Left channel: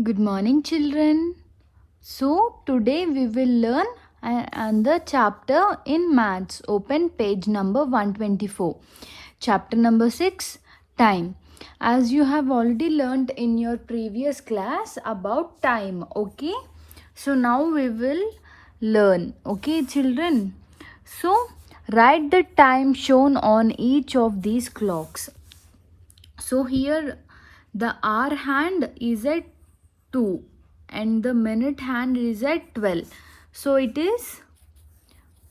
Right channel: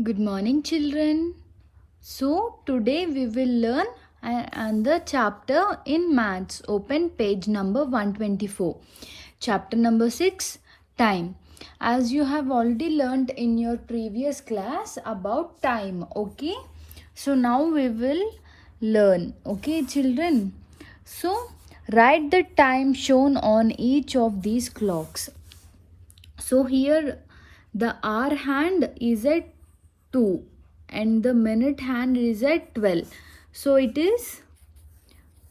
Good morning, children. So, today we will learn another chapter in maths. Open page number 124. Chapter number 6 Time. As you have already learned in your previous class about time, okay? So, now we will learn, okay, children? So, write the time shown on each of these clocks. So here the hour hand is at 2 and the minute hand is at 12. So it is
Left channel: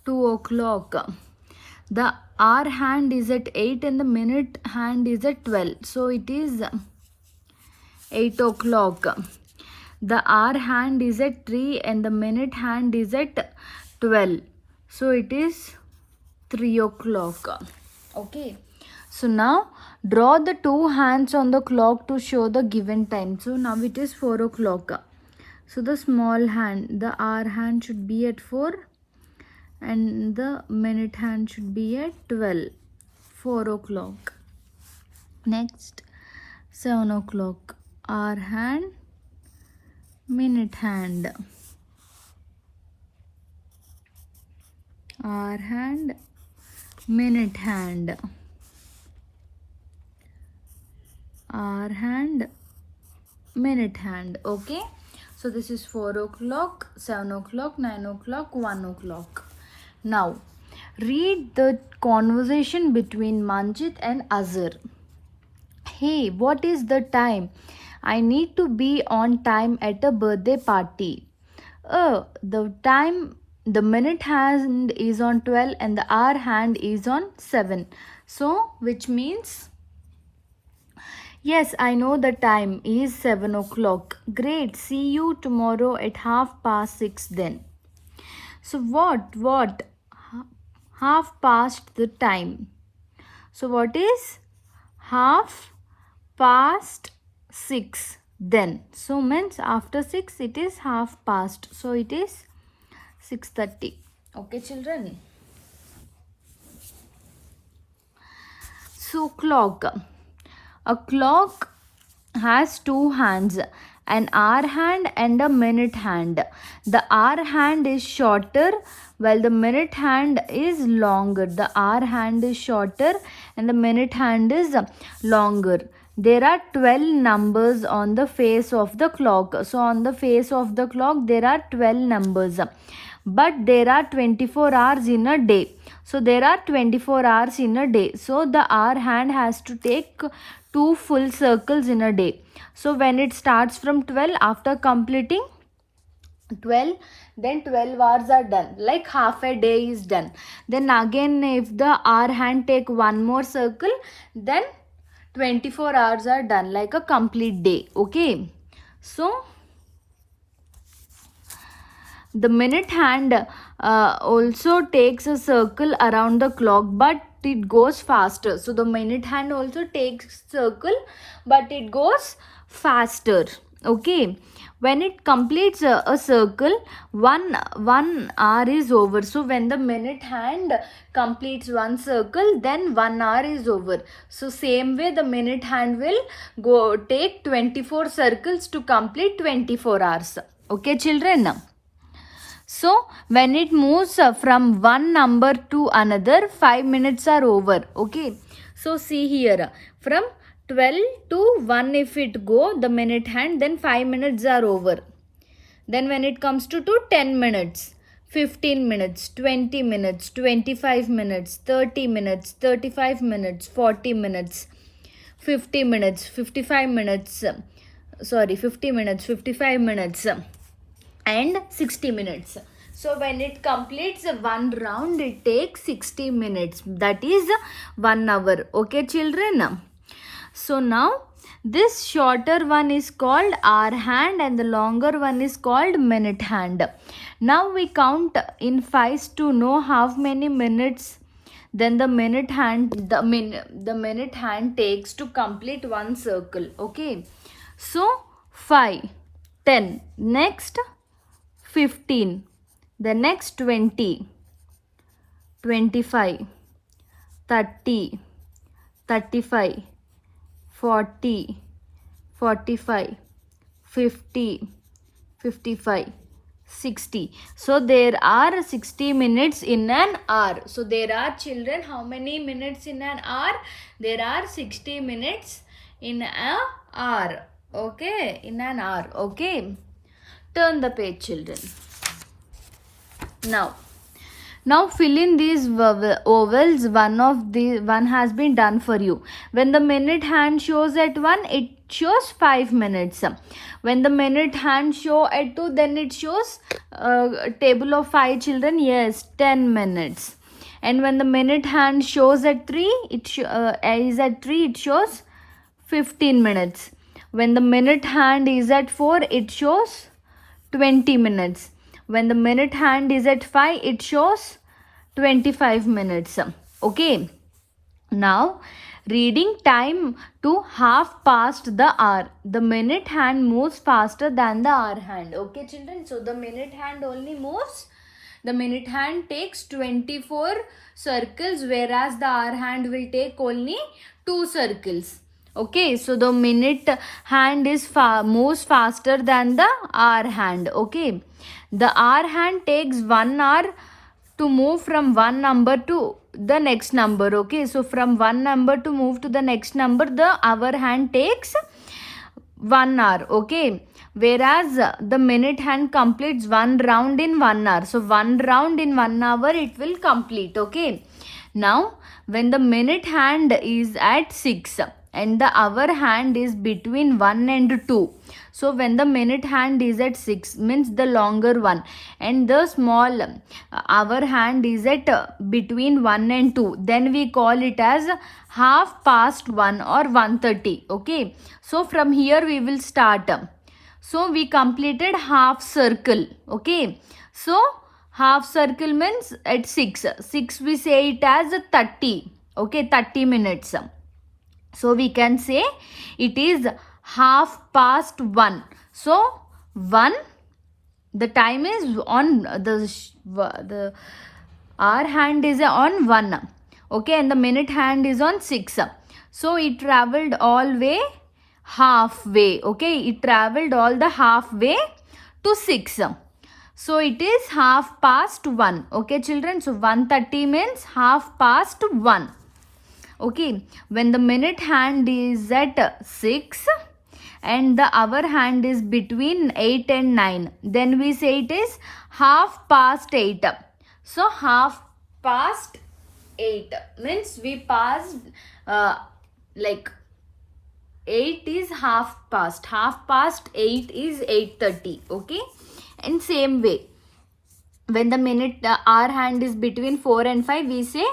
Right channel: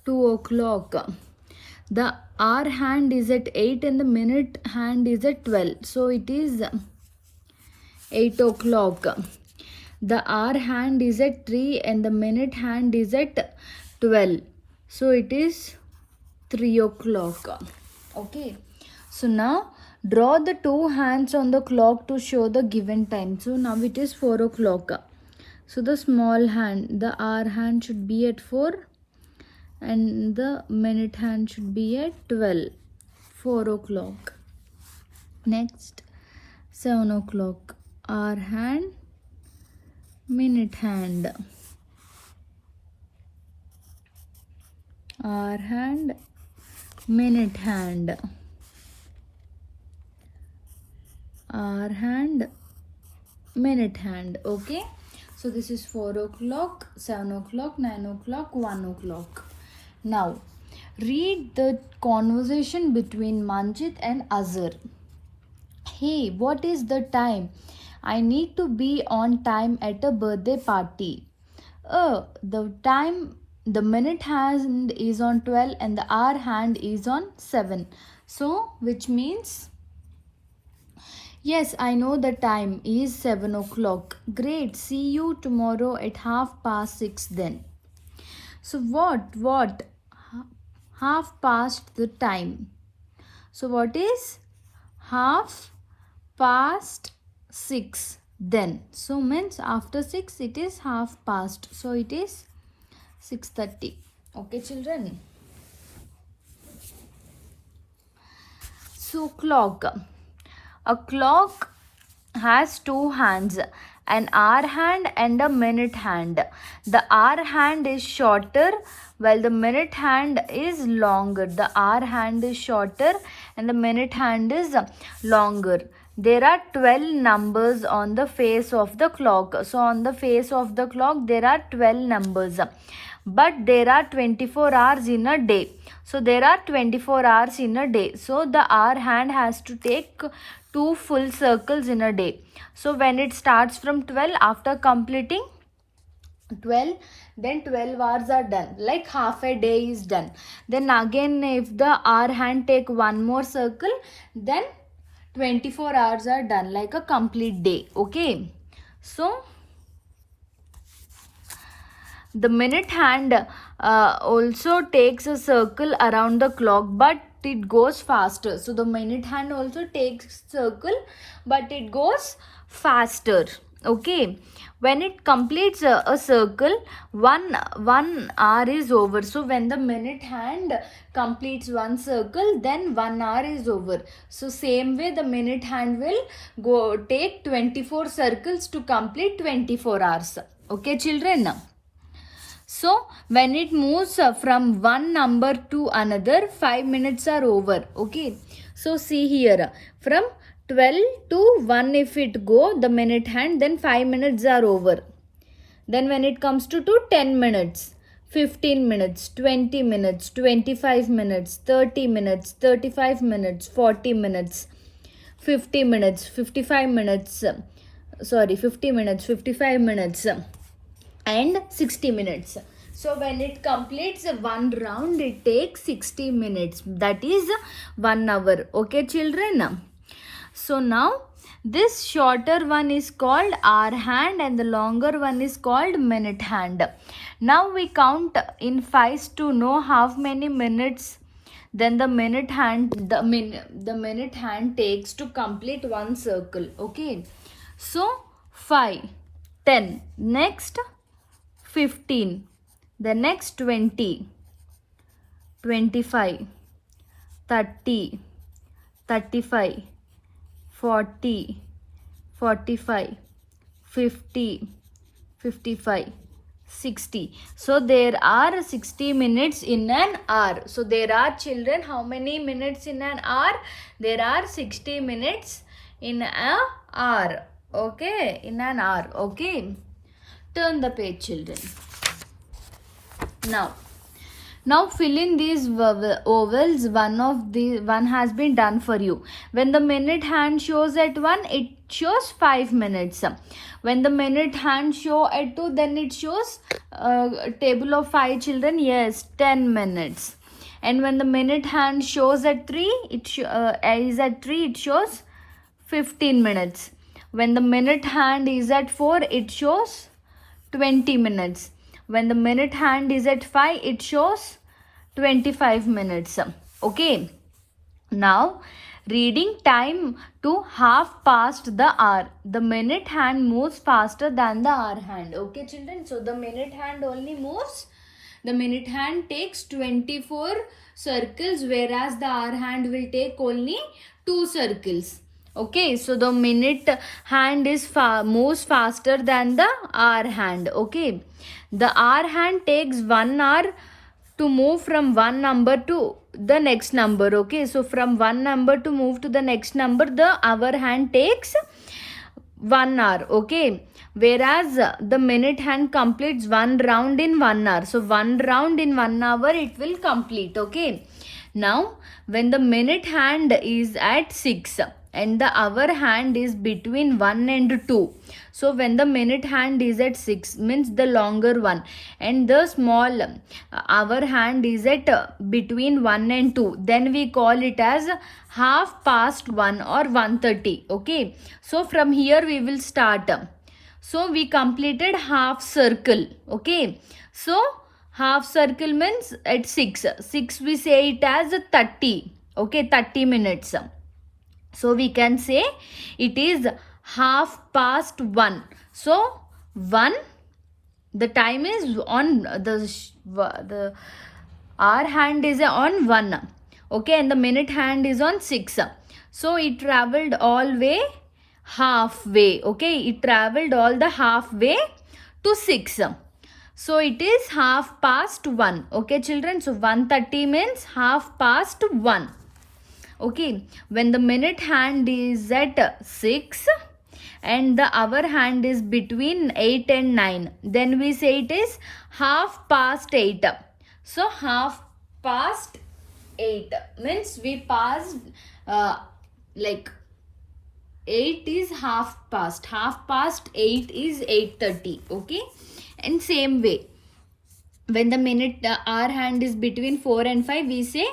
2 o'clock. The hour hand is at 8 and the minute hand is at 12. So it is 8 o'clock. The hour hand is at 3 and the minute hand is at 12. So it is 3 o'clock. Okay. So now draw the two hands on the clock to show the given time. So now it is 4 o'clock. So the small hand, the hour hand should be at 4 and the minute hand should be at 12. 4 o'clock. Next 7 o'clock. Hour hand, minute hand. Hour hand, minute hand. Hour hand, minute hand. Okay, so this is 4 o'clock, 7 o'clock, 9 o'clock, 1 o'clock. Now read the conversation between Manjit and Azhar. Hey, what is the time? I need to be on time at a birthday party. The minute hand is on 12 and the hour hand is on 7. So which means, yes, I know the time is 7 o'clock. Great, see you tomorrow at 6:30 then. So what? Half past the time. So what is half past 6 then? So means after 6 it is half past. So it is 6:30. Okay, children. So clock. A clock has two hands, an hour hand and a minute hand. The hour hand is shorter while the minute hand is longer. The hour hand is shorter and the minute hand is longer. There are 12 numbers on the face of the clock. So on the face of the clock there are 12 numbers. But there are 24 hours in a day. So there are 24 hours in a day. So the hour hand has to take 2 full circles in a day. So when it starts from 12, after completing 12, then 12 hours are done, like half a day is done. Then again if the hour hand take one more circle, then 24 hours are done, like a complete day. Okay, so the minute hand also takes a circle around the clock, but it goes faster. So the minute hand also takes circle, but it goes faster. Okay, when it completes a circle, one hour is over. So when the minute hand completes one circle, then 1 hour is over. So same way the minute hand will go take 24 circles to complete 24 hours. Okay, children. So when it moves from one number to another, 5 minutes are over. Okay, so see here, from 12 to 1 if it go the minute hand, then 5 minutes are over. Then when it comes to 10 minutes, 15 minutes, 20 minutes, 25 minutes, 30 minutes, 35 minutes, 40 minutes, 50 minutes, 55 minutes, 50 minutes, 55 minutes and 60 minutes. So when it completes one round, it takes 60 minutes. That is 1 hour. Okay, children. So now this shorter one is called hour hand and the longer one is called minute hand. Now we count in fives to know how many minutes then the minute hand takes to complete one circle. Okay, so 5, 10, next 15, the next 20, 25, 30, 35, 40, 45, 50, 55, 60. So there are 60 minutes in an hour. So there are, children, how many minutes in an hour? There are 60 minutes in an hour. Okay, in an hour. Okay, turn the page, children. Now fill in these ovals. One has been done for you. When the minute hand shows at 1, it shows 5 minutes. When the minute hand show at 2, then it shows table of 5, children. Yes, 10 minutes. And when the minute hand shows at 3, it shows 15 minutes. When the minute hand is at 4, it shows 20 minutes. When the minute hand is at 5, it shows 25 minutes. Okay. Now, reading time to half past the hour. The minute hand moves faster than the hour hand. Okay, children. So, the minute hand only moves. The minute hand takes 24 circles, whereas the hour hand will take only 2 circles. Okay, so the minute hand is moves faster than the hour hand. Okay, the hour hand takes 1 hour to move from one number to the next number. Okay, so from one number to move to the next number, the hour hand takes 1 hour. Okay, whereas the minute hand completes 1 round in 1 hour. So 1 round in 1 hour it will complete. Okay, now when the minute hand is at 6 and the hour hand is between 1 and 2. So when the minute hand is at 6 means the longer one, and the small hour hand is at between 1 and 2, then we call it as half past 1 or 1:30. Okay, so from here we will start. So we completed half circle. Okay, so half circle means at 6 we say it as 30. Okay, 30 minutes. So we can say it is half past 1. So 1, the time is on the hour hand is on 1. Okay, and the minute hand is on 6. So it traveled all way halfway. Okay, it traveled all the halfway to 6. So it is half past 1. Okay, children. So 1:30 means half past 1. Okay, when the minute hand is at 6 and the hour hand is between 8 and 9, then we say it is half past 8. So half past 8 means we passed like 8 is half past 8 is 8:30. Okay, and same way, when the minute hour hand is between 4 and 5, we say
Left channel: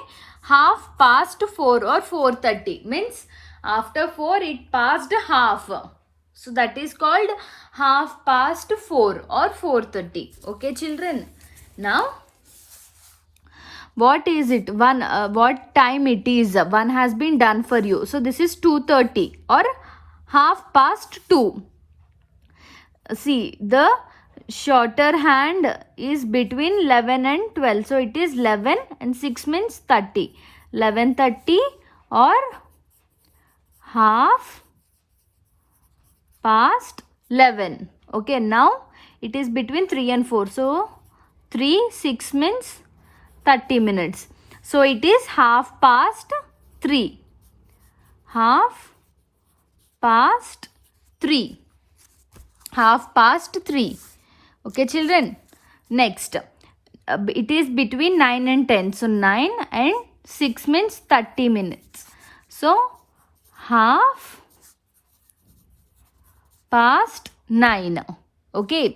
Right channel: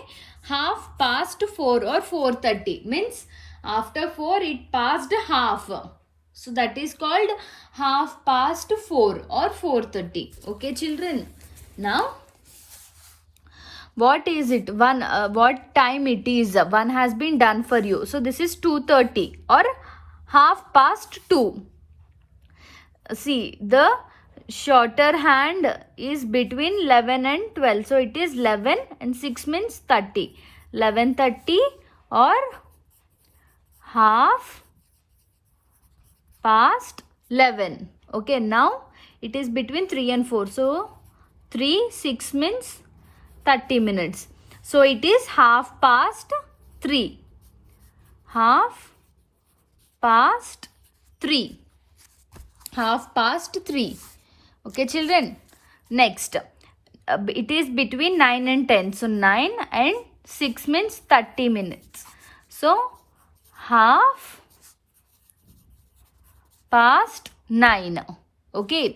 half past 4 or 4:30 means after 4 it passed half. So that is called half past 4 or 4:30. Okay, children. Now what is it? What time it is? One has been done for you. So this is 2:30 or half past 2. See, the shorter hand is between 11 and 12. So it is 11 and 6 means 30. 11:30 or half past 11. Okay, now it is between 3 and 4. So 3, 6 means 30 minutes. So it is half past 3. Half past 3. Half past 3. Okay, children. Next, it is between 9 and 10. So 9 and 6 means 30 minutes. So half past 9. Okay,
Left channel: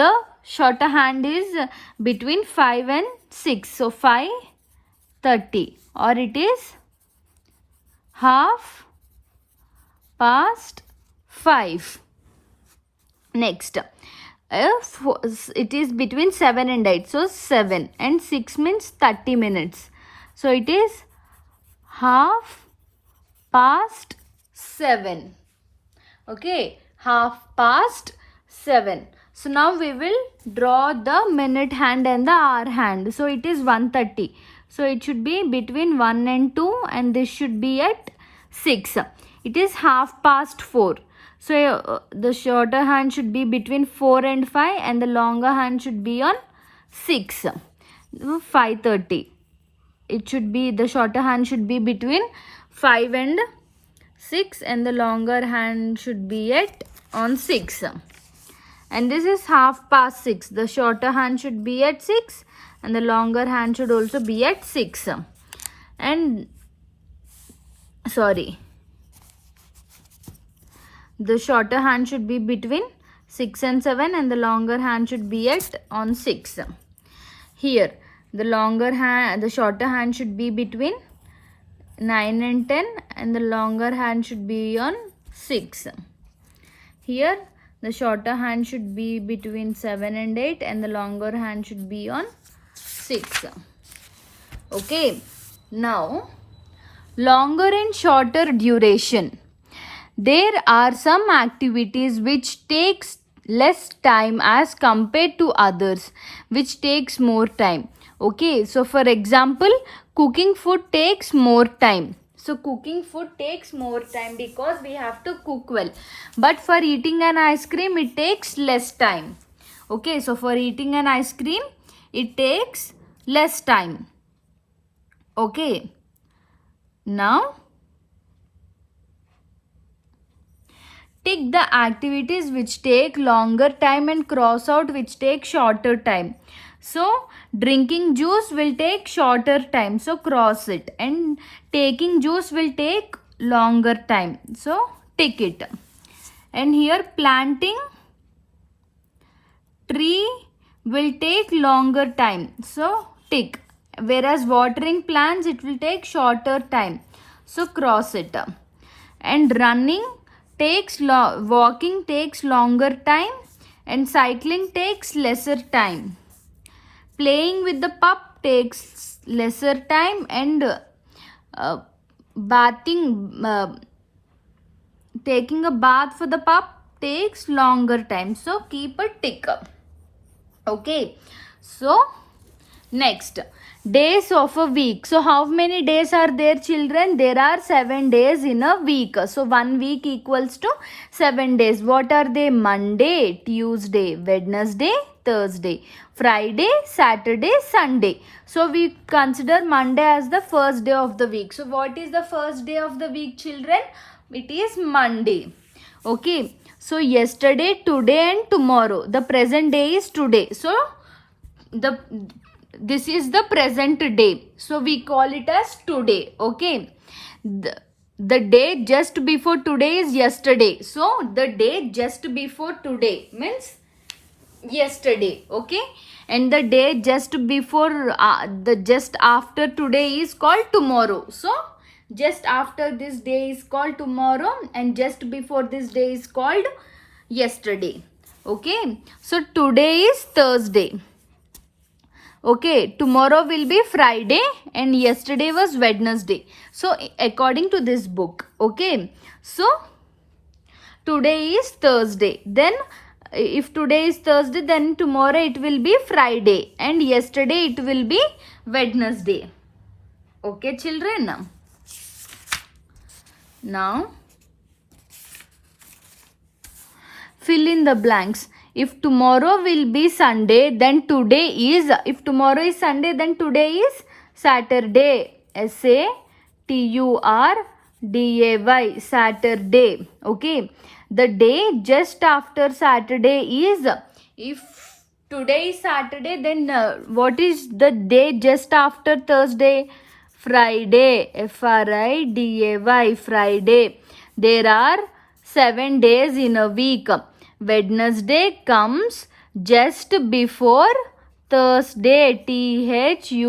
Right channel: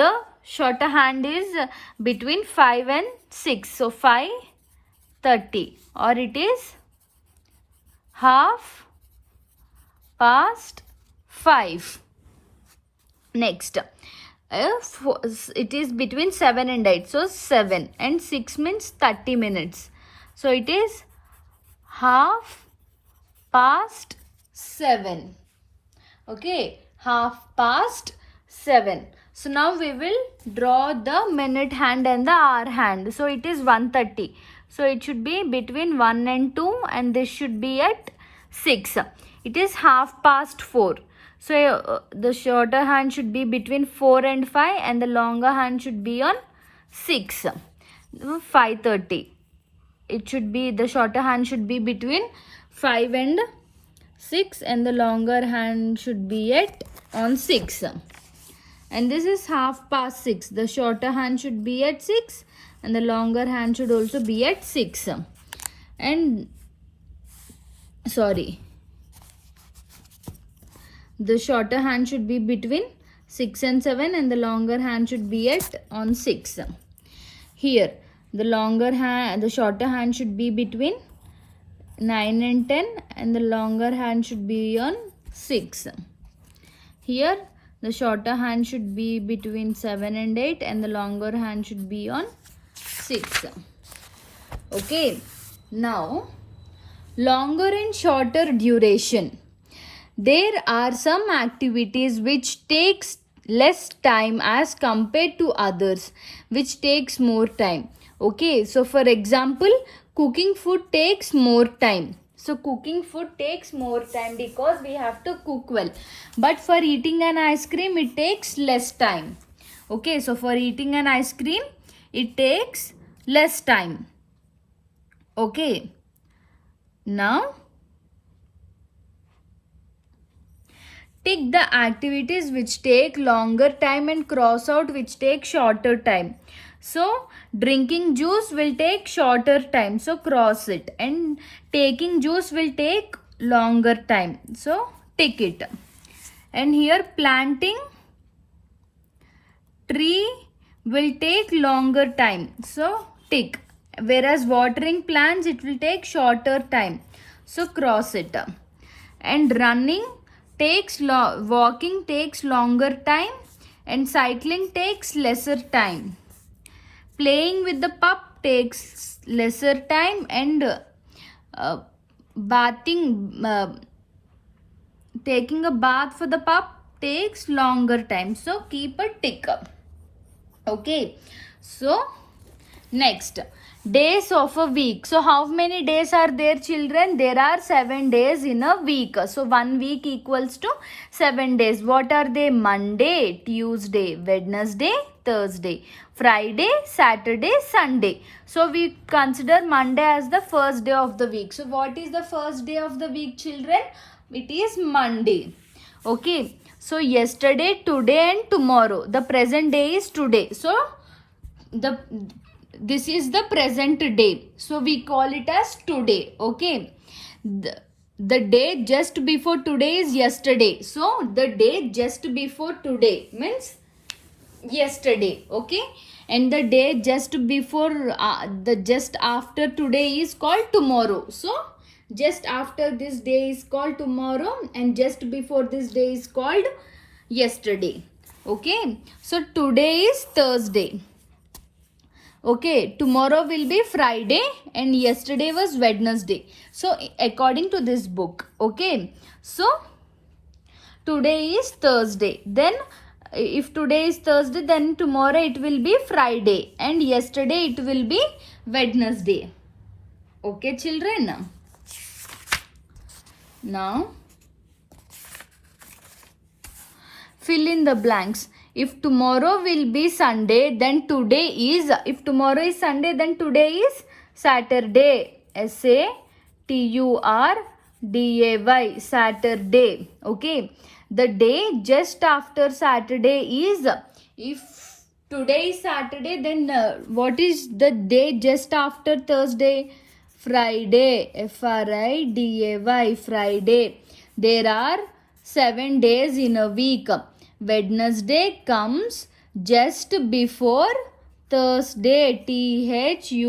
the shorter hand is between 5 and 6. So 5:30 or it is half past 5. Next, it is between 7 and 8. So 7 and 6 means 30 minutes. So it is half past 7. Okay, half past 7. So now we will draw the minute hand and the hour hand. So it is 1:30. So it should be between 1 and 2 and this should be at 6. It is half past 4. So the shorter hand should be between 4 and 5 and the longer hand should be on 6. 5:30. It should be, the shorter hand should be between 5 and 6 and the longer hand should be at on 6. And this is 6:30. The shorter hand should be at 6 and the longer hand should also be at 6. And sorry, the shorter hand should be between 6 and 7 and the longer hand should be at on 6. Here the shorter hand should be between 9 and 10 and the longer hand should be on 6. Here the shorter hand should be between 7 and 8 and the longer hand should be on 6. Okay, now longer and shorter duration. There are some activities which takes less time as compared to others which takes more time. Okay, so for example, cooking food takes more time. So cooking food takes more time because we have to cook well. But for eating an ice cream, it takes less time. Okay, so for eating an ice cream, it takes less time. Okay, now tick the activities which take longer time and cross out which take shorter time. So drinking juice will take shorter time, so cross it, and taking juice will take longer time, so tick it. And here planting tree will take longer time, so tick. Whereas watering plants, it will take shorter time, so cross it. And running takes walking takes longer time and cycling takes lesser time. Playing with the pup takes lesser time and taking a bath for the pup takes longer time, so keep a tick. Okay, so next, days of a week. So how many days are there, children? There are 7 days in a week. So 1 week equals to 7 days. What are they? Monday, Tuesday, Wednesday, Thursday, Friday, Saturday, Sunday. So we consider Monday as the first day of the week. So what is the first day of the week, children? It is Monday. Okay, so yesterday, today and tomorrow. The present day is today. So this is the present day, so we call it as today. Okay, the day just before today is yesterday, so the day just before today means yesterday. Okay, and the day just before just after today is called tomorrow. So just after this day is called tomorrow and just before this day is called yesterday. Okay, so today is Thursday. Okay, tomorrow will be Friday and yesterday was Wednesday. So according to this book. Okay, so today is Thursday. Then if today is Thursday, then tomorrow it will be Friday and yesterday it will be Wednesday. Okay, children. Now fill in the blanks. If tomorrow will be Sunday, then today is, if tomorrow is Sunday, then today is Saturday. Saturday, Saturday. Okay, the day just after Saturday is, if today is Saturday, then what is the day just after Thursday? Friday, Friday, Friday. There are 7 days in a week. Wednesday comes just before Thursday, Thursday.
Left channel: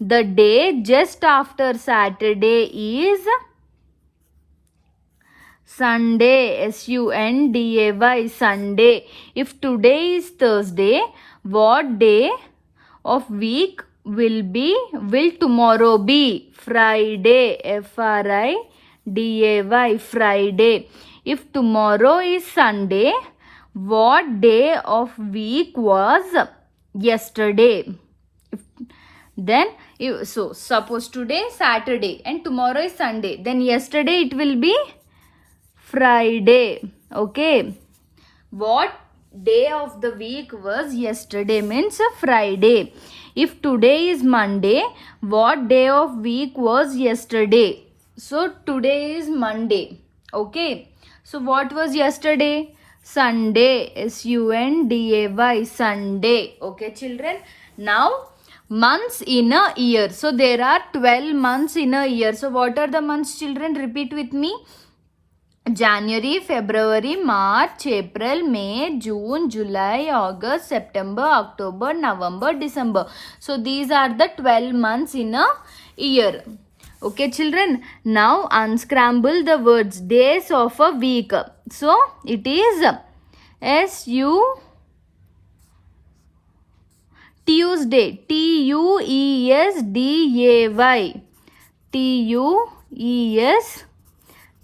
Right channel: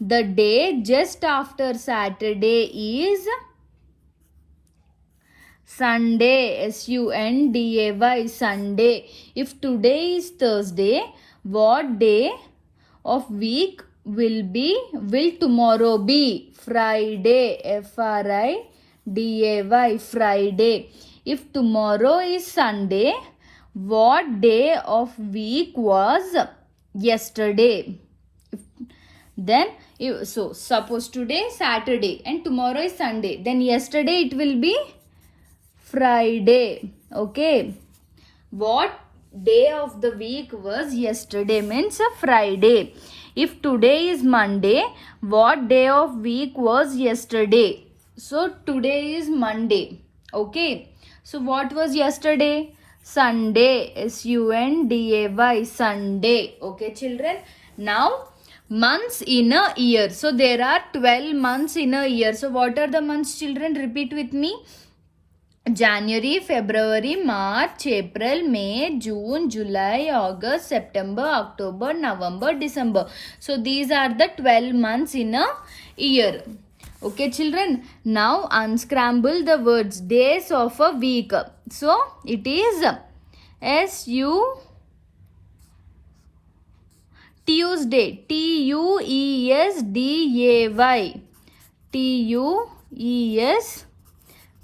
The day just after Saturday is Sunday, Sunday, Sunday. If today is Thursday, what day of week will tomorrow be? Friday, Friday. If tomorrow is Sunday, what day of week was yesterday? Then so suppose today Saturday and tomorrow is Sunday, then yesterday it will be Friday. Okay, what day of the week was yesterday means Friday. If today is Monday, what day of week was yesterday? So today is Monday. Okay, so what was yesterday? Sunday. Sunday, Sunday. Okay children, now months in a year. So there are 12 months in a year. So what are the months children? Repeat with me. January, February, March, April, May, June, July, August, September, October, November, December. So these are the 12 months in a year. Okay children, now unscramble the words. Days of a week. So it is Tuesday. Tuesday.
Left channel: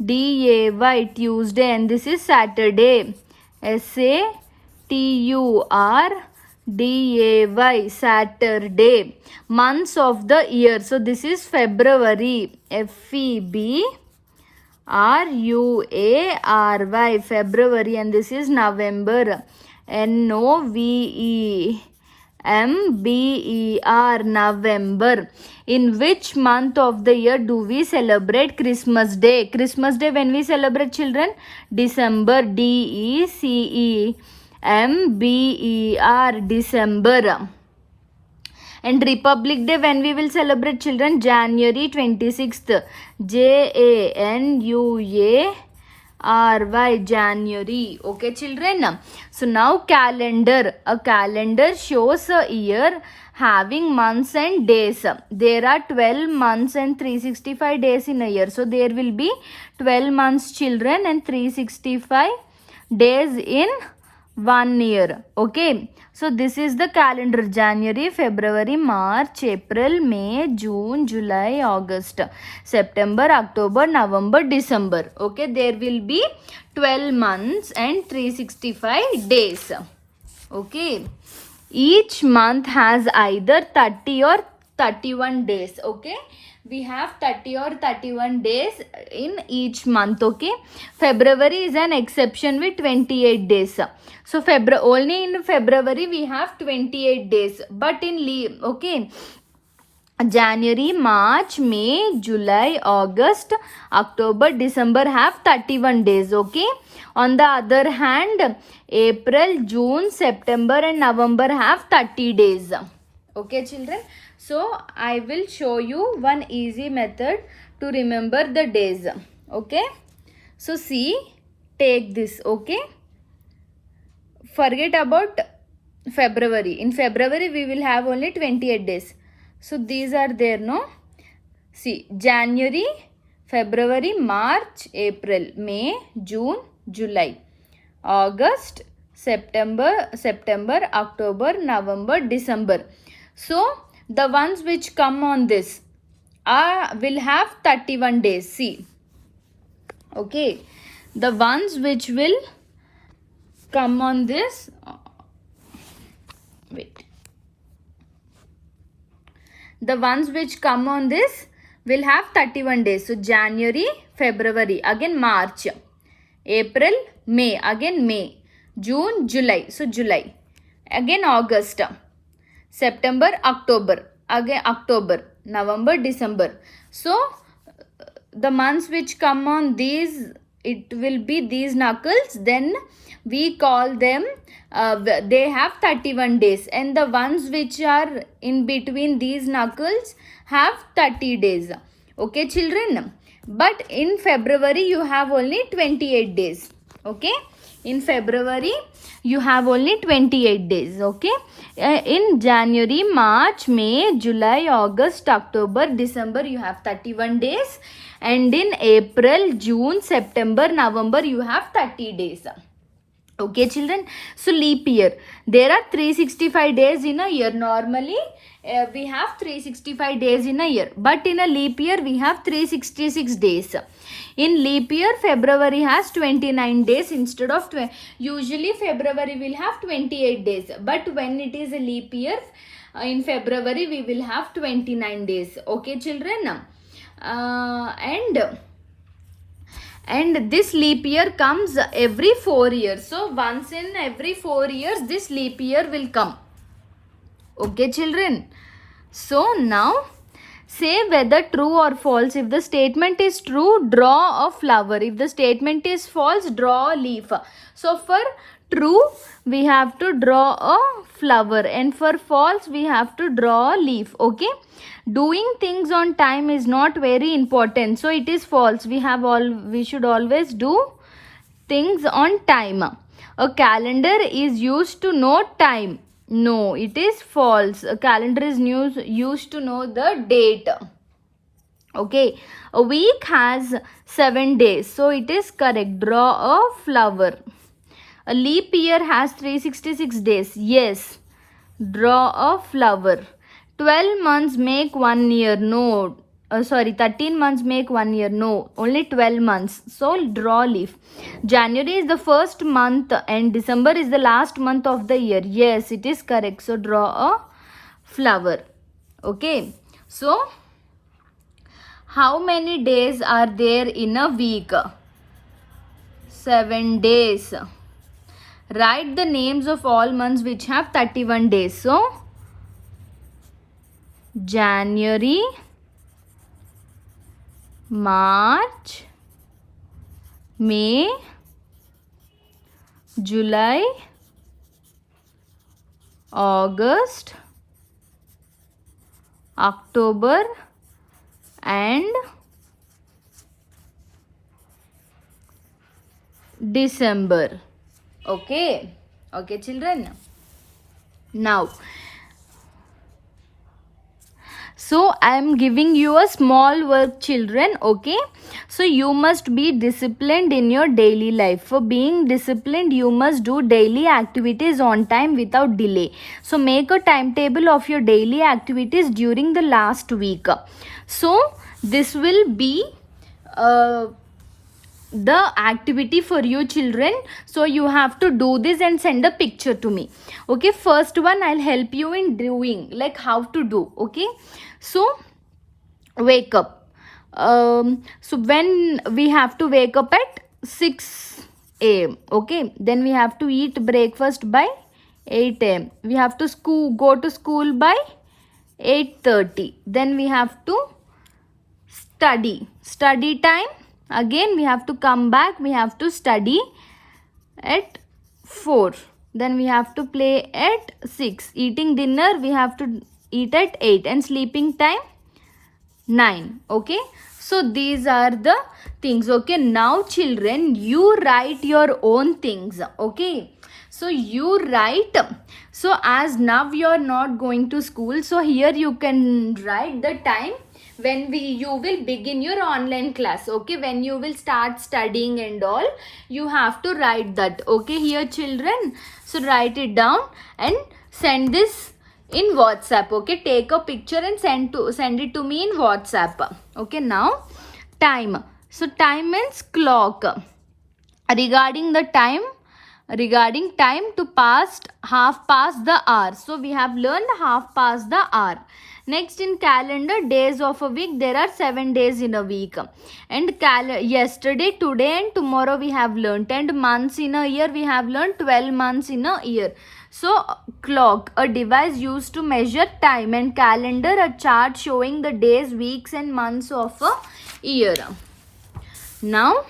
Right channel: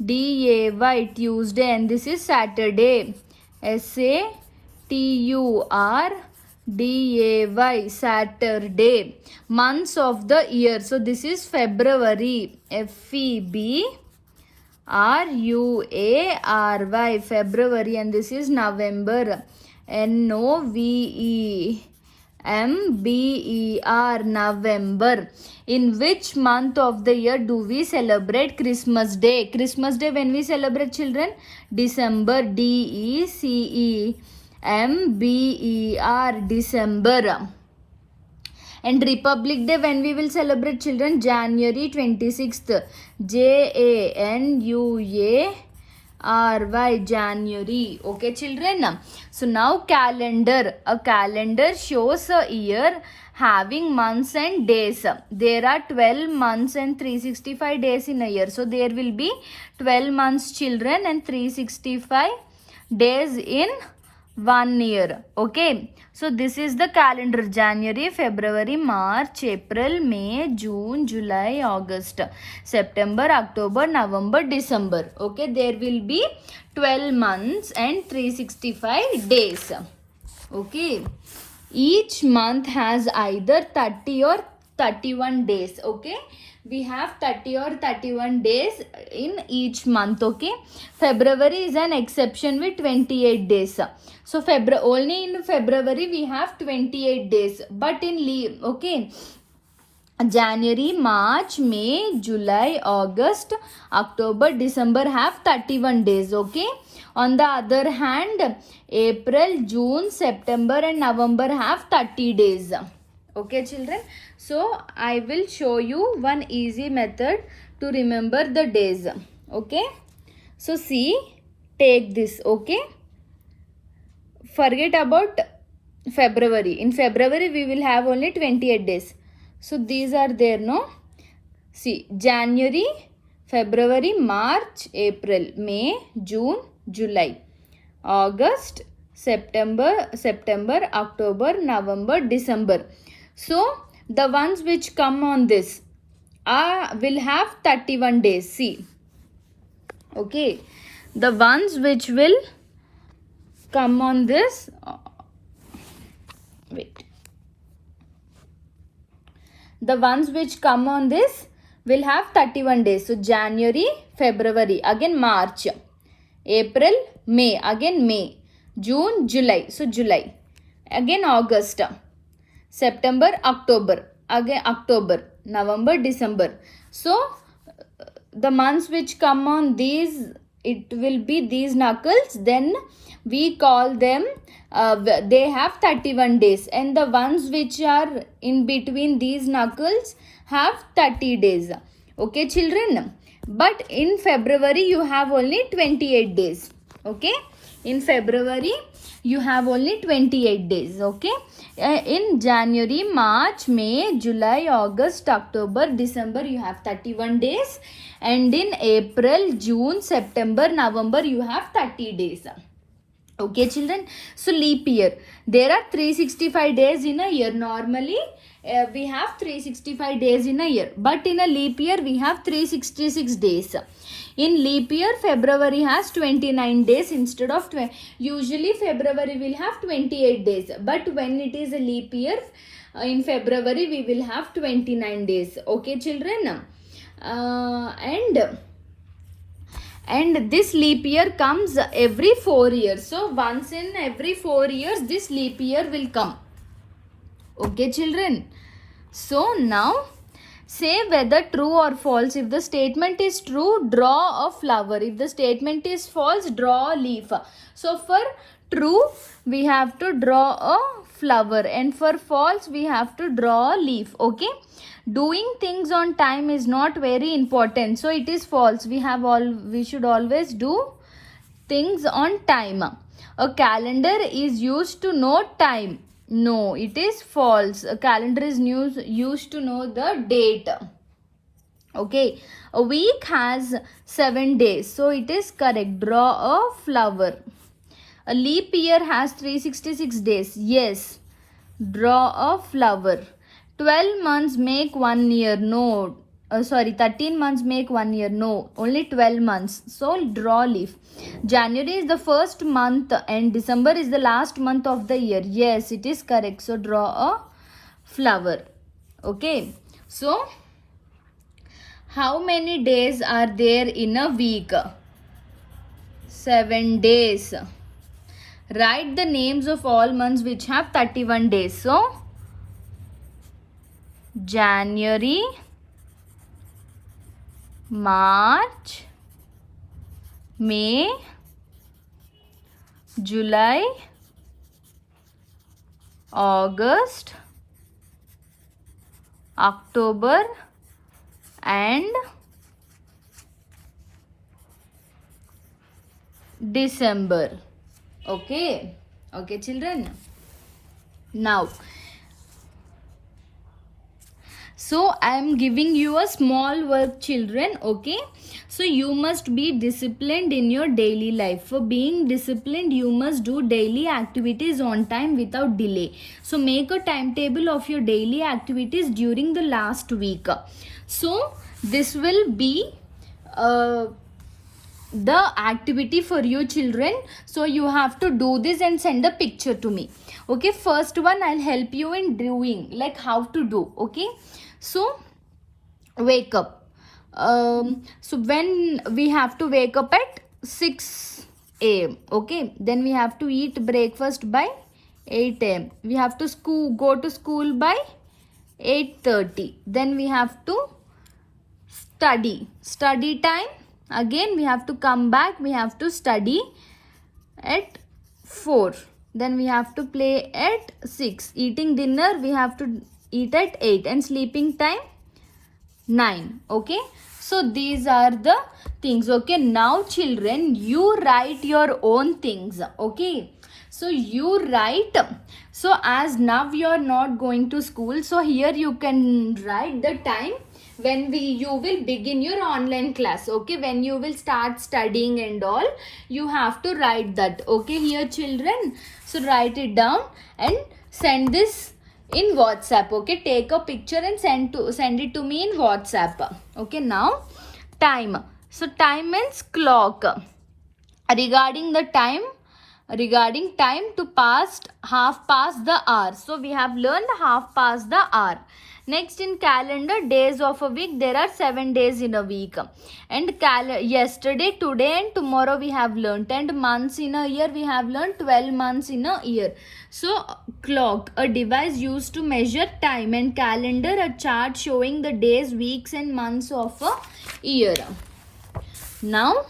Tuesday, Tuesday, and this is Saturday. Saturday, Saturday. Months of the year. So this is February. February, February, and this is November. November, November. In which month of the year do we celebrate Christmas Day? Christmas Day when we celebrate children? December. December, December. And Republic Day when we will celebrate children? January 26th. January, January. Okay children, so now calendar. A calendar shows a year having months and days. There are 12 months and 365 days in a year. So there will be 12 months children and 365 days in 1 year. Okay, so this is the calendar. January, February, March, April, May, June, July, August, September, October, November, December. Okay, there will be 12 months and 365 days. Okay, each month has either 30 or 31 days. Okay, we have 30 or 31 days in each month. Okay, February is an exception with 28 days. So only in February we have 28 days, but in okay, January, March, May, July, August, October, December have 31 days. Okay, on the other hand, April, June, September and November have 30 days. Okay children, so I will show you one easy method to remember the days. Okay, so see, take this. Okay, forget about February. In February we will have only 28 days. So these are there, no? See, January, February, March, April, May, June, July, August, September, October, November, December. So the ones which come on this will have 31 days. See, okay, the ones which will come on this, wait, the ones which come on this will have 31 days. So January, February, again March, April, May, again May, June, July, so July, again August, September, October, again October, November, December. So the months which come on these, it will be these knuckles, then we call them they have 31 days, and the ones which are in between these knuckles have 30 days. Okay children, but in February you have only 28 days. Okay, in February you have only 28 days. Okay, in January, March, May, July, August, October, December you have 31 days, and in April, June, September, November you have 30 days. Okay children, so leap year, there are 365 days in a year. Normally we have 365 days in a year, but in a leap year we have 366 days. In leap year, February has 29 days instead of 20. Usually February will have 28 days, but when it is a leap year, In February we will have 29 days. Okay children, and this leap year comes every 4 years. So once in every 4 years this leap year will come. Okay children, so now say whether true or false. If the statement is true, draw a flower. If the statement is false, draw a leaf. So for true we have to draw a flower, and for false we have to draw a leaf. Okay, doing things on time is not very important, so it is false. We should always do things on time. A calendar is used to know time. No, it is false. A calendar is used to know the date. Okay, a week has 7 days, so it is correct. Draw a flower. A leap year has 366 days. Yes, draw a flower. 12 months make 1 year. No, 13 months make 1 year. No, only 12 months. So draw leaf. January is the first month and December is the last month of the year. Yes, it is correct. So draw a flower. Okay, so how many days are there in a week? 7 days. Write the names of all months which have 31 days. So January, March, May, July, August, October and December. Okay children, now so I am giving you a small work children. Okay, so you must be disciplined in your daily life. For being disciplined you must do daily activities on time without delay. So make a timetable of your daily activities during the last week. So this will be the activity for you children. So you have to do this and send a picture to me. Okay, first one I'll help you in doing, like how to do. Okay, so wake up. So when we have to wake up at 6 a.m. Okay, then we have to eat breakfast by 8 a.m. We have to go to school by 8:30. Then we have to study time. Again we have to come back, we have to study at 4. Then we have to play at 6. Eating dinner we have to eat at 8, and sleeping time 9. Okay, so these are the things. Okay, now children you write your own things. Okay, so you write. So as now you are not going to school, so here you can write the time when you will begin your online class. Okay, when you will start studying and all, you have to write that. Okay here children, so write it down and send this in WhatsApp. Okay, take a picture and send it to me in WhatsApp. Okay, now time. So time means clock. Regarding time to half past the hour. So we have learned half past the hour. Next, in calendar, days of a week, there are 7 days in a week. And yesterday, today and tomorrow we have learnt. And months in a year, we have learnt 12 months in a year. So clock, a device used to measure time, and calendar, a chart showing the days, weeks and months of a year. Now,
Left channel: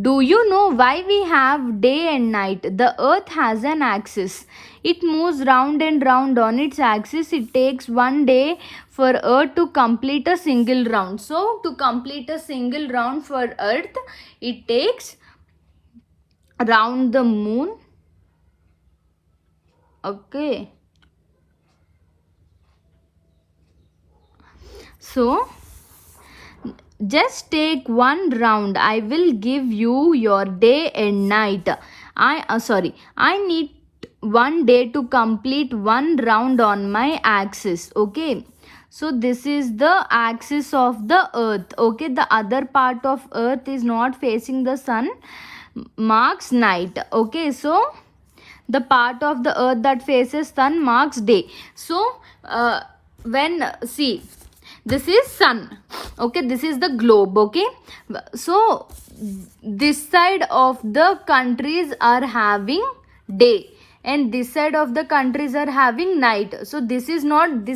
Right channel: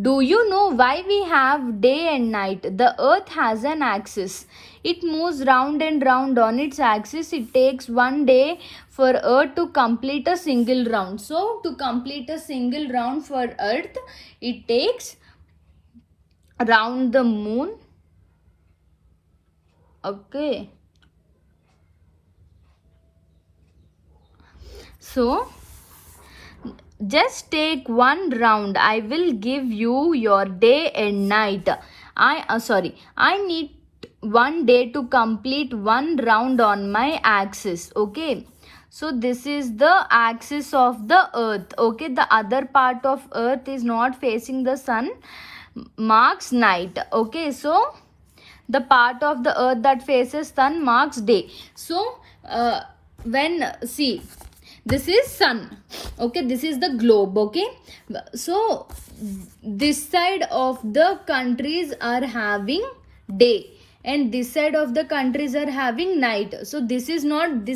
do you know why we have day and night? The earth has an axis. It moves round and round on its axis. It takes 1 day for earth to complete a single round. So to complete a single round for earth, it takes round the moon. Okay. So just take 1 round. I will give you your day and night. I need 1 day to complete 1 round on my axis. Okay, so this is the axis of the earth. Okay, the other part of earth is not facing the sun, marks night. Okay, so the part of the earth that faces sun marks day. So when see, this is sun, okay, this is the globe, okay. So this side of the countries are having day and this side of the countries are having night. So this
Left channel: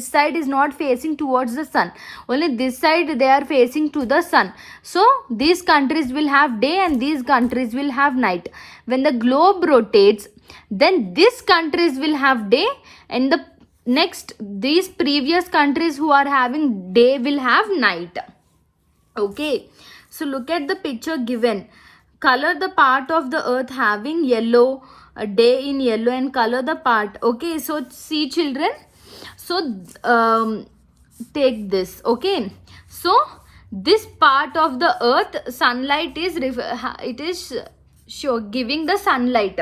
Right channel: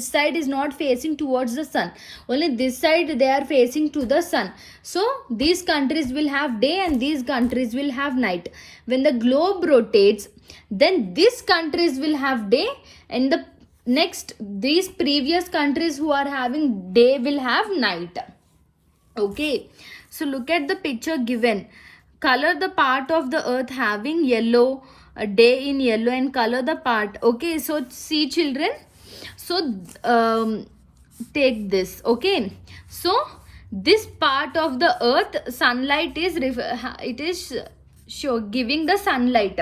side is not facing towards the sun, only this side they are facing to the sun. So these countries will have day and these countries will have night. When the globe rotates, then these countries will have day and the next these previous countries who are having day will have night. Okay, so look at the picture given. Color the part of the earth having yellow, a day in yellow, and color the part. Okay, so see children, so take this. Okay, so this part of the earth sunlight is it is giving the sunlight,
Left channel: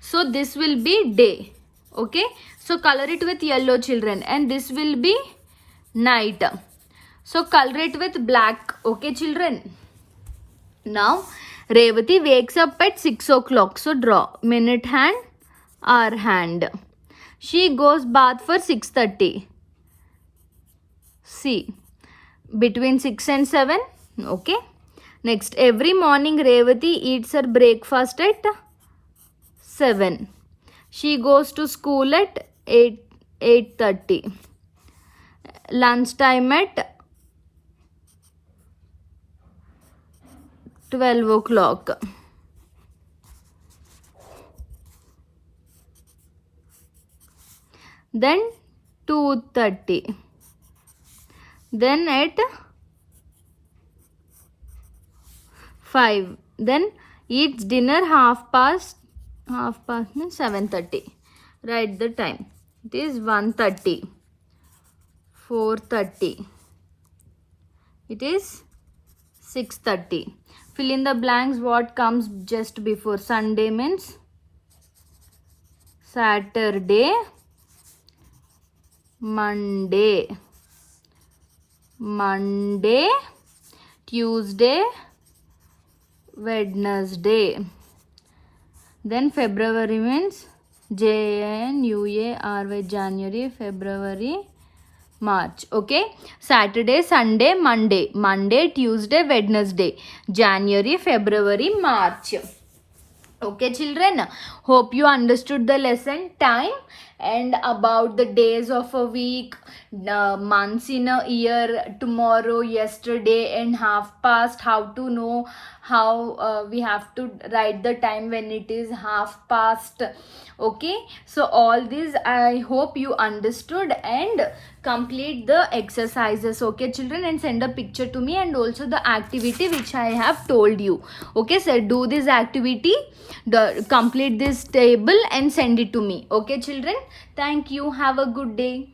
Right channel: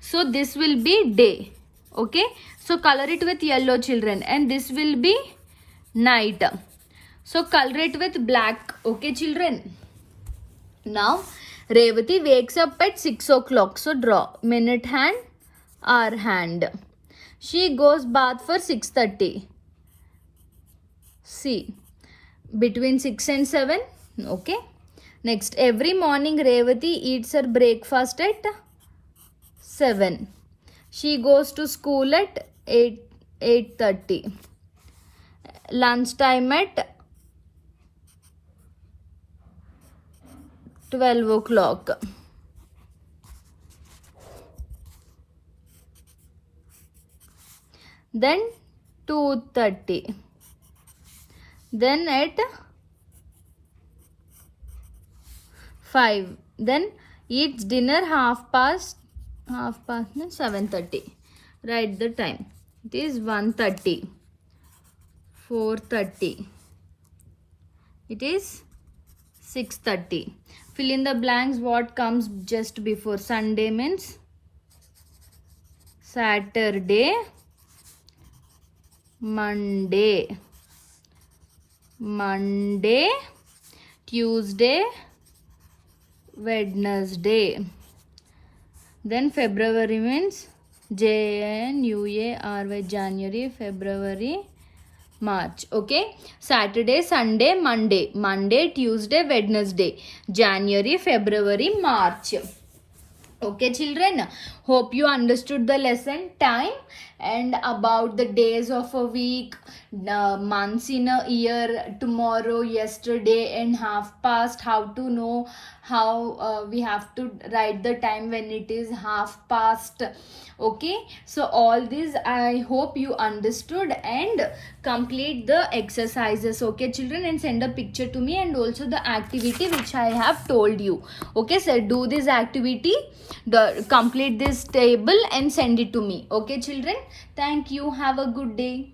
so this will be day. Okay, so color it with yellow children, and this will be night, so color it with black. Okay children, now Revati wakes up at 6 o'clock, so draw minute hand, hour hand. She goes bath for 6:30. See, between 6 and 7. Okay, next every morning Revati eats her breakfast at 7. She goes to school at 8:30. Lunchtime at 12 o'clock. Then 2:30. Then at 5. Then eats dinner half past 7:30. Write the time. It is 1:30. 4:30. It is 6:30. Fill in the blanks what comes just before. Sunday means Saturday, Monday, Tuesday, Wednesday. Then February means January, January, February, March. Okay, Saturday, Sunday, Monday, Tuesday, Wednesday, January, February, March. Okay children, hope you understood the lesson time and about the days of a week, months in a year, tomorrow, yesterday, and half past. How to know how we have to write the time when it is half past. Okay, so all this I hope you understood and complete the exercises. Okay children, and send a picture to me, and also the activity which I have told you. Okay, so do this activity, complete this table and send it to me. Okay children, thank you, have a good day.